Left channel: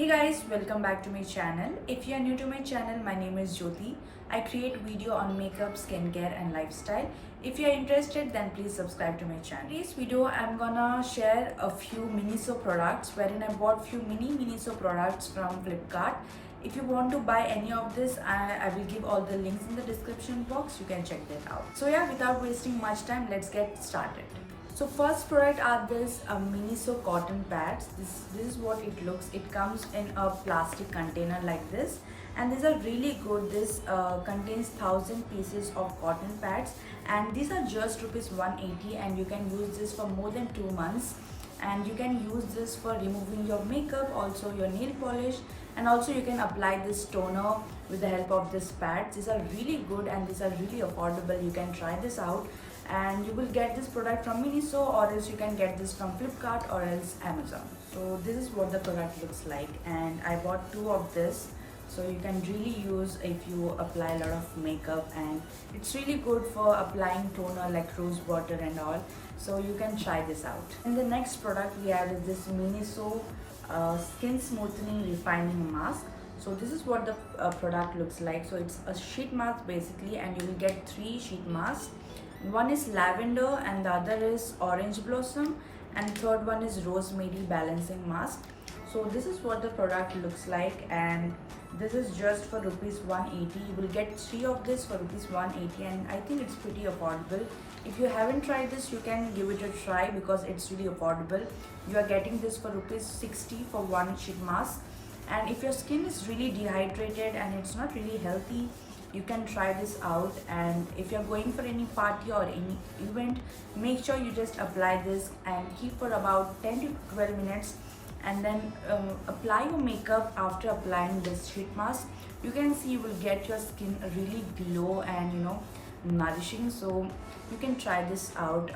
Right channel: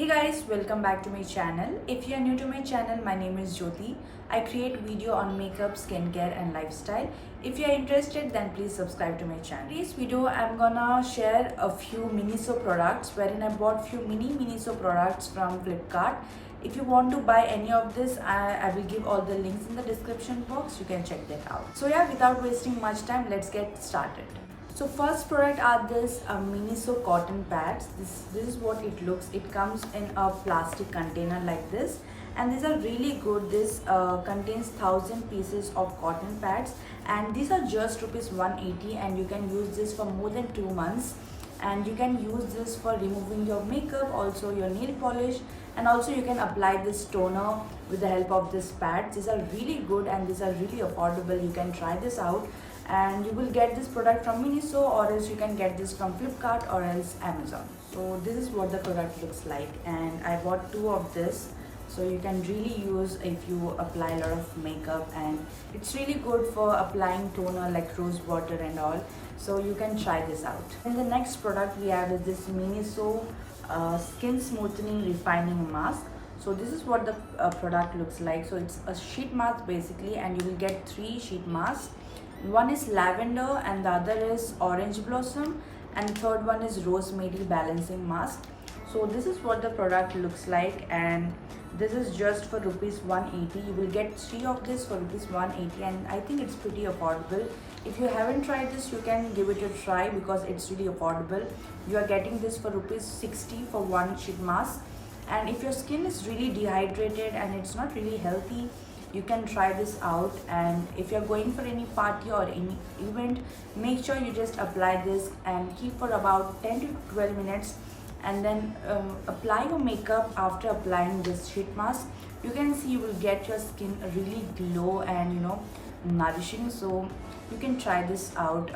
Hey guys, welcome back to my channel. If you are new to my channel, my name is Jyoti. I create video on makeup, skincare and lifestyle. If you are interested, then please subscribe to my channel. In today's video, I'm gonna share a few Miniso products wherein I bought few Miniso products from Flipkart. If you want to buy any of this, I will give all the links in the description box. You can check that out. So yeah, without wasting much time, let's get started. So first product are this Miniso cotton pads. This is what it looks. It comes in a plastic container like this, and these are really good. This contains 1,000 pieces of cotton pads, and these are just rupees 180, and you can use this for more than 2 months. And you can use this for removing your makeup, also your nail polish, and also you can apply this toner with the help of this pads. These are really good and these are really affordable. You can try this out, and you will get this product from Miniso, or else you can get this from Flipkart or else Amazon. So this is what the product looks like, and I bought 2 of this. So you can really use if you apply a lot of makeup, and it's really good for applying toner like rose water and all. So you can try this out. And the next product we have is this Miniso skin smoothening refining mask. So this is what the product looks like. So it's a sheet mask basically, and you will get 3 sheet masks. One is lavender and the other is orange blossom, and the third one is rosemary balancing mask. So this is what the product looks like, and this is just for rupees 180. You will get 3 of this for rupees 180, and I think it's pretty affordable. If you haven't tried this, you can give it a try because it's really affordable. You are getting this for rupees 60 for 1 sheet mask, and if your skin is really dehydrated and it's not really healthy, you can try this out. And if you're going for any party or any event, make sure you just apply this and keep for about 10 to 12 minutes, and then apply your makeup. After applying this sheet mask, you can see you will get your skin a really glow and nourishing. So you can try this out.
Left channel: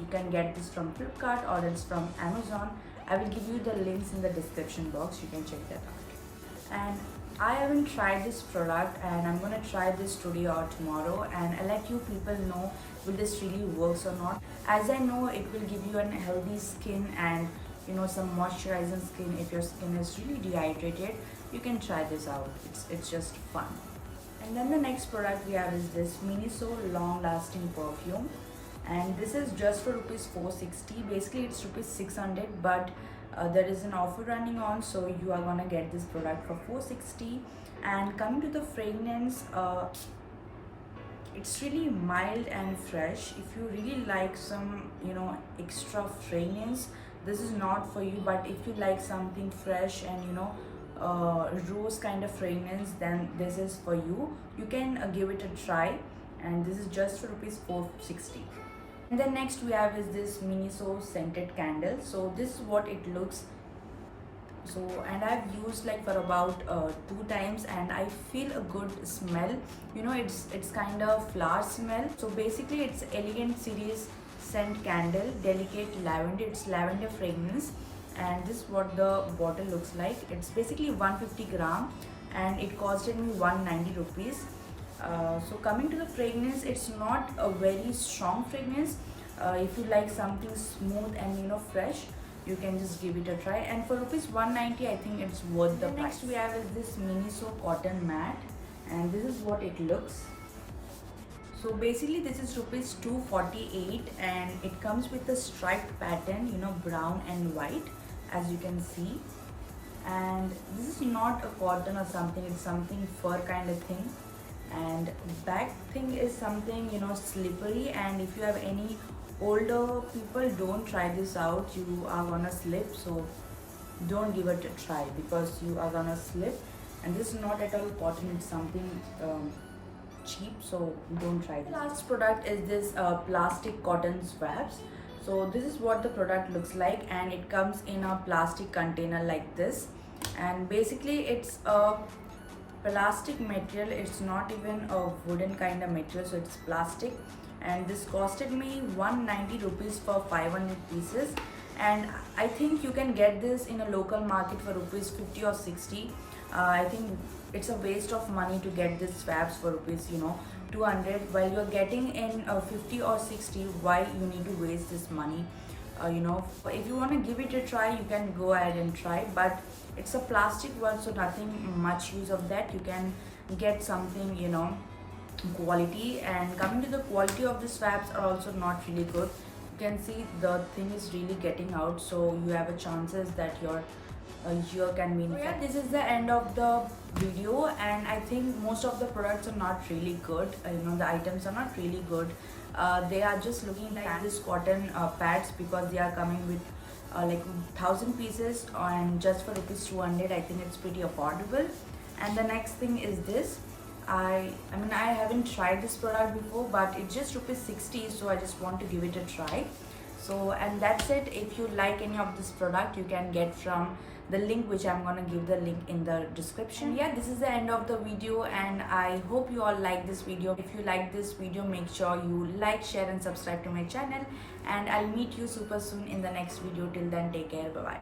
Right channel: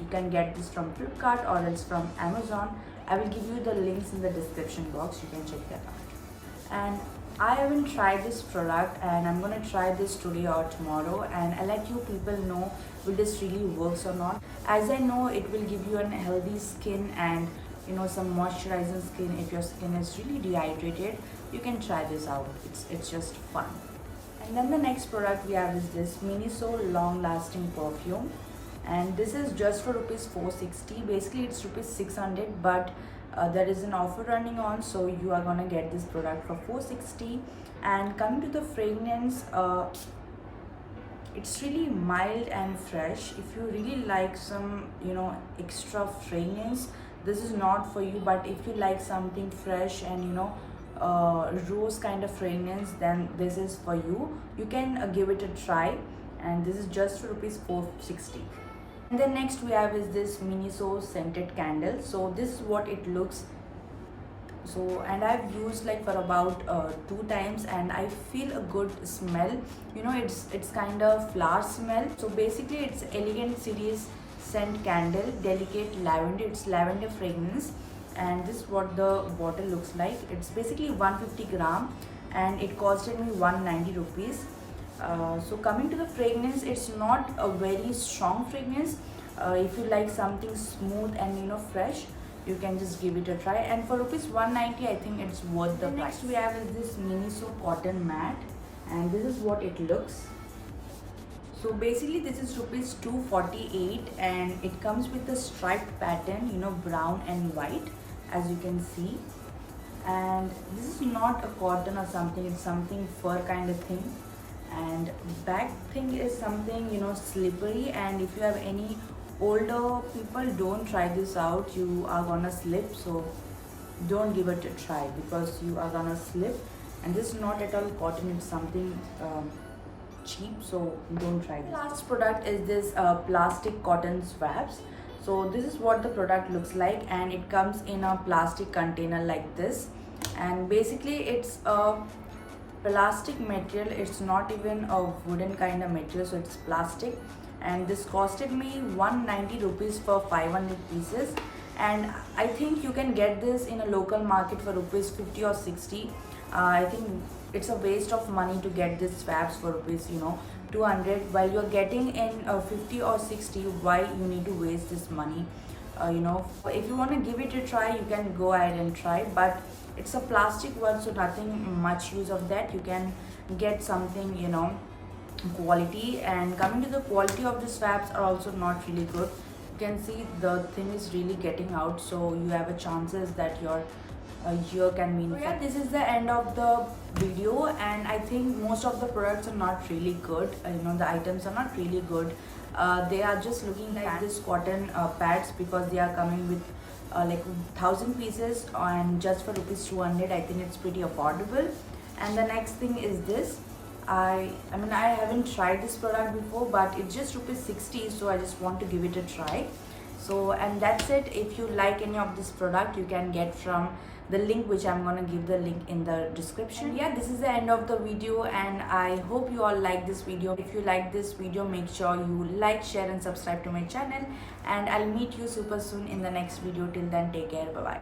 You can get this from Flipkart or else from Amazon. I will give you the links in the description box. You can check that out. And I haven't tried this product, and I'm gonna try this today or tomorrow, and I'll let you people know will this really works or not. As I know, it will give you a healthy skin and some moisturizing skin. If your skin is really dehydrated, you can try this out. It's just fun. And then the next product we have is this Miniso long lasting perfume, and this is just for rupees 460. Basically it's rupees 600, but there is an offer running on, so you are gonna get this product for 460. And coming to the fragrance, it's really mild and fresh. If you really like some extra fragrance, this is not for you. But if you like something fresh and rose kind of fragrance, then this is for you. You can give it a try, and this is just for rupees 460. And then next we have is this Miniso scented candle. So this is what it looks. So, and I've used like for about 2 times, and I feel a good smell. It's kind of flower smell. So basically it's Elegant Series scent candle, delicate lavender. It's lavender fragrance, and this is what the bottle looks like. It's basically 150 gram, and it costed me 190 rupees. So coming to the fragrance, it's not a very strong fragrance. If you like something smooth and fresh, you can just give it a try. And for rupees 190, I think it's worth the price. Next we have is this Miniso cotton mat, and this is what it looks. So basically this is rupees 248, and it comes with a striped pattern, brown and white, as you can see. And this is not a cotton or something, it's something fur kind of thing. And back thing is something slippery, and if you have any older people, don't try this out. You are gonna slip, so don't give it a try because you are gonna slip. And this is not at all cotton, it's something cheap, so don't try this. The last product is this plastic cotton swabs. So this is what the product looks like, and it comes in a plastic container like this. And basically it's a plastic material. It's not even a wooden kind of material, so it's plastic. And this costed me 190 rupees for 500 pieces, and I think you can get this in a local market for rupees 50 or 60. I think it's a waste of money to get these swabs for rupees 200, while you're getting in 50 or 60. Why you need to waste this money? if you want to give it a try, you can go ahead and try, but it's a plastic one, so nothing much use of that. You can get something, quality. And coming to the quality of the swabs are also not really good. You can see the thing is really getting out, so you have a chances that your ear can be infected. Yeah, this is the end of the video, and I think most of the products are not really good. The items are not really good. They are just looking like this cotton pads, because they are coming with like 1,000 pieces, and just for rupees 200, I think it's pretty affordable. And the next thing is this. I mean, I haven't tried this product before, but it's just rupees 60, so I just want to give it a try. So, and that's it. If you like any of this product, you can get from the link, which I'm gonna give the link in the description. And yeah, this is the end of the video, and I hope you all like this video. If you like this video, make sure you like, share and subscribe to my channel, and I'll meet you super soon in the next video. Till then, take care. Bye bye.